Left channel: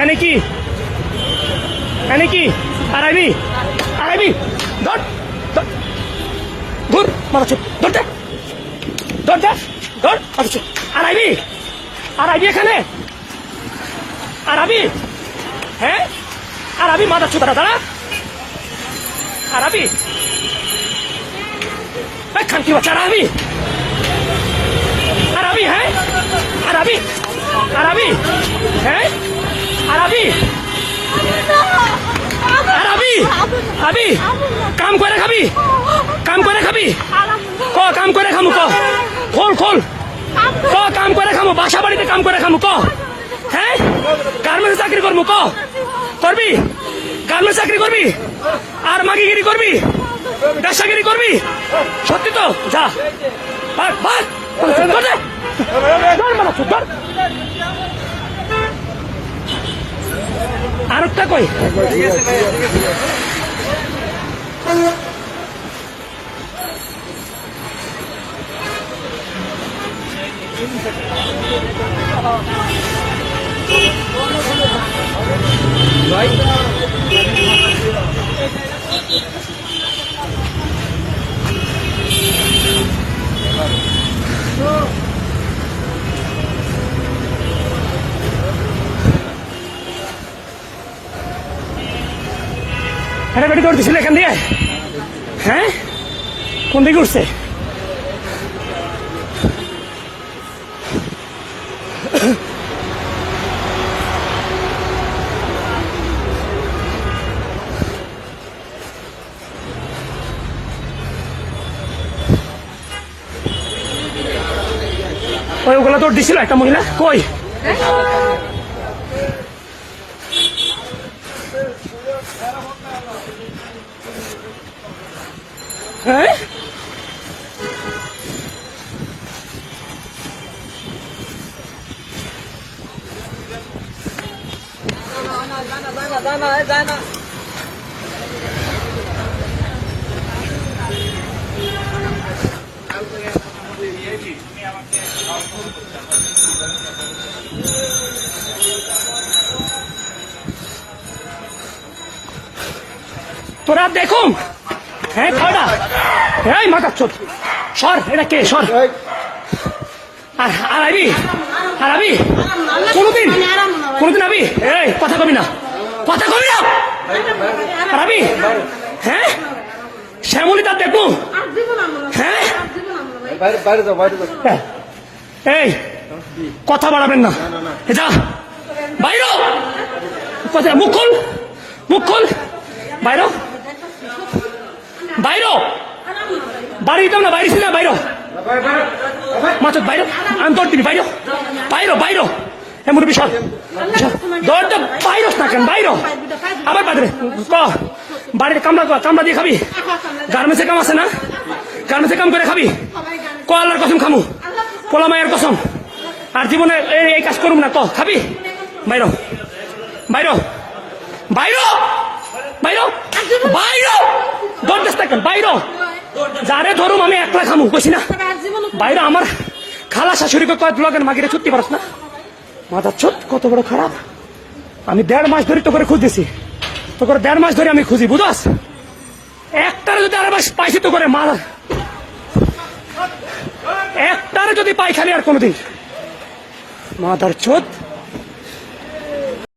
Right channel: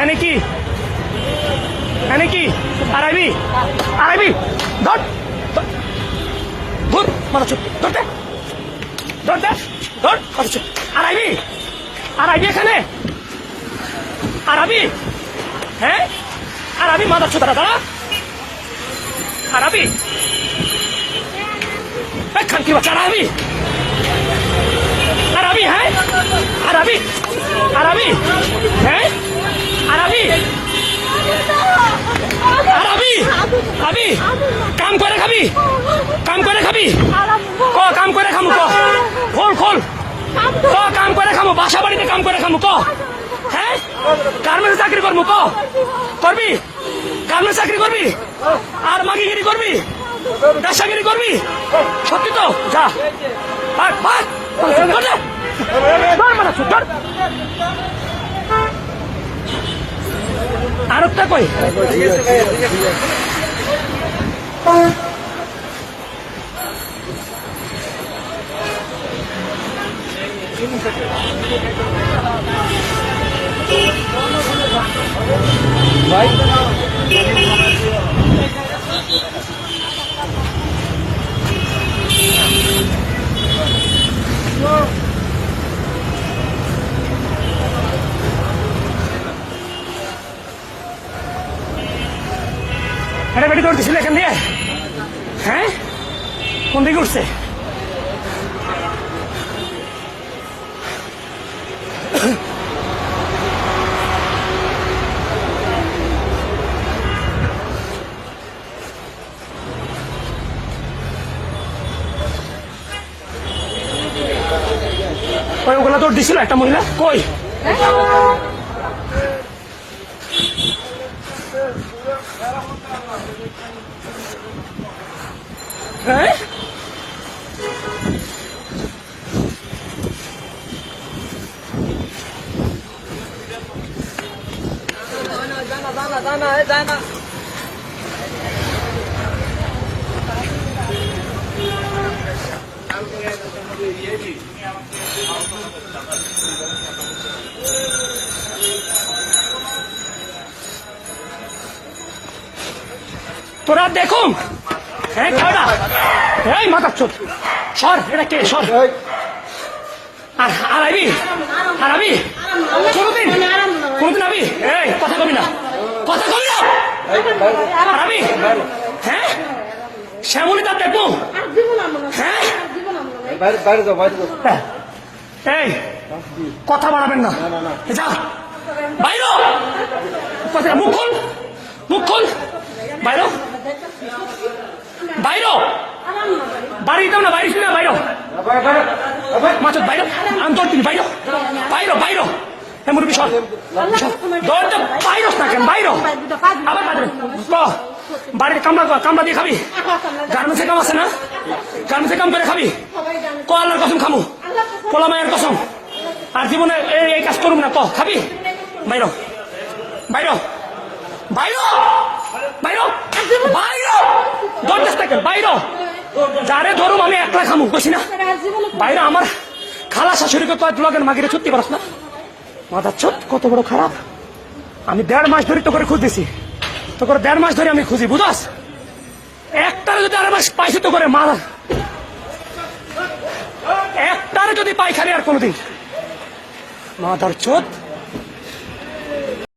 এনে কি? এনে কি? আড়াইবি আড়াইবি দাও দাও। ধর, মাথা চুপ ধরতে ধরতে ধর মাথা চুপ। আড়াইবি আড়াইবি এখানে। আরাবি হ্যাঁ? আরাবি মাথা চুপ, দাঁড়া। আরাবি এই খানকি বাচ্চা আরাবি আরাবি হ্যাঁ? আরাবি আরাবি করে কাম করে খামু তো? খোল খোল। ক কাম করে খামু? বাসা বাড়িতে কাম করে খামু তো? হ্যাঁ? গার্মেন্টস চাকরি করব তো? করবি? গার্মেন্টস চাকরি করবি? আর মাগিগিরি করবি? ব্যবসাগিরি করবি? সত্যি তো? যা। চুপ, ধর। আরেকটা কই? হাঁটাহাঁটি করতেছিল এখান দিয়ে? হ্যাঁ? কোন দিকে উঠছে? ওই ওগুলো দৌড় দিছিল একটা মহিলা? কই? হ্যাঁ? তোরা দেখুন। হ্যাঁ খাওয়া এই মাথা চোদ সর এটা কে? সর। আর কোনদিন কোনদিন আবি? এই কথা কবি না। কথা কবি না? আবি? হ্যাঁ? শ্যামলি তার দেখু হ্যাঁ? বাইরে বাইরে যাও বাইরে হ্যাঁ। এই কথা বাড়াবেন না। যা। বাইর! মুখ খুল। মুখ খুল। বাইর। বাইর! বাড়ি দিতাম না ছিল না বাইর। মাছ বাইর। আমি তোর দিবি বাইর। বাইর বাইর। এমন বিশাল দরটা বাইর না কেন বাইর আবার বাইরে। বাড়ির কামড়া কামড়া দিয়ে খাবি? গার্মেন্টসে কাম আছে না? গার্মেন্টসে কাম করে খাবি? ক আল্লাহর কসম খামু। পোলা মায়ের কসম। আর জীবনে এই এই কাজ করুম না তো খাবি? বাইর বাইর বাইর বাইর বাইর দেশ থাকেন বাইর যারে ধরুম আমি একলা খামু বেশি না। বাইরে আমার খালা শাশুড়িকে কয়েক লগের মাগিরে ছুটতে পারস না? মাথা চোখ কত বড় খারাপ। আমি দেড় মাস ধরে তোকে খুঁজতেছি। তো করে দেড় মাস ধরে আমি খুঁজি, বুঝাস? একটারে যদি আর মাস পাইছি তো করে মাল। একটারে যদি পাইখানি আর কোনোদিন। মাথার চোখ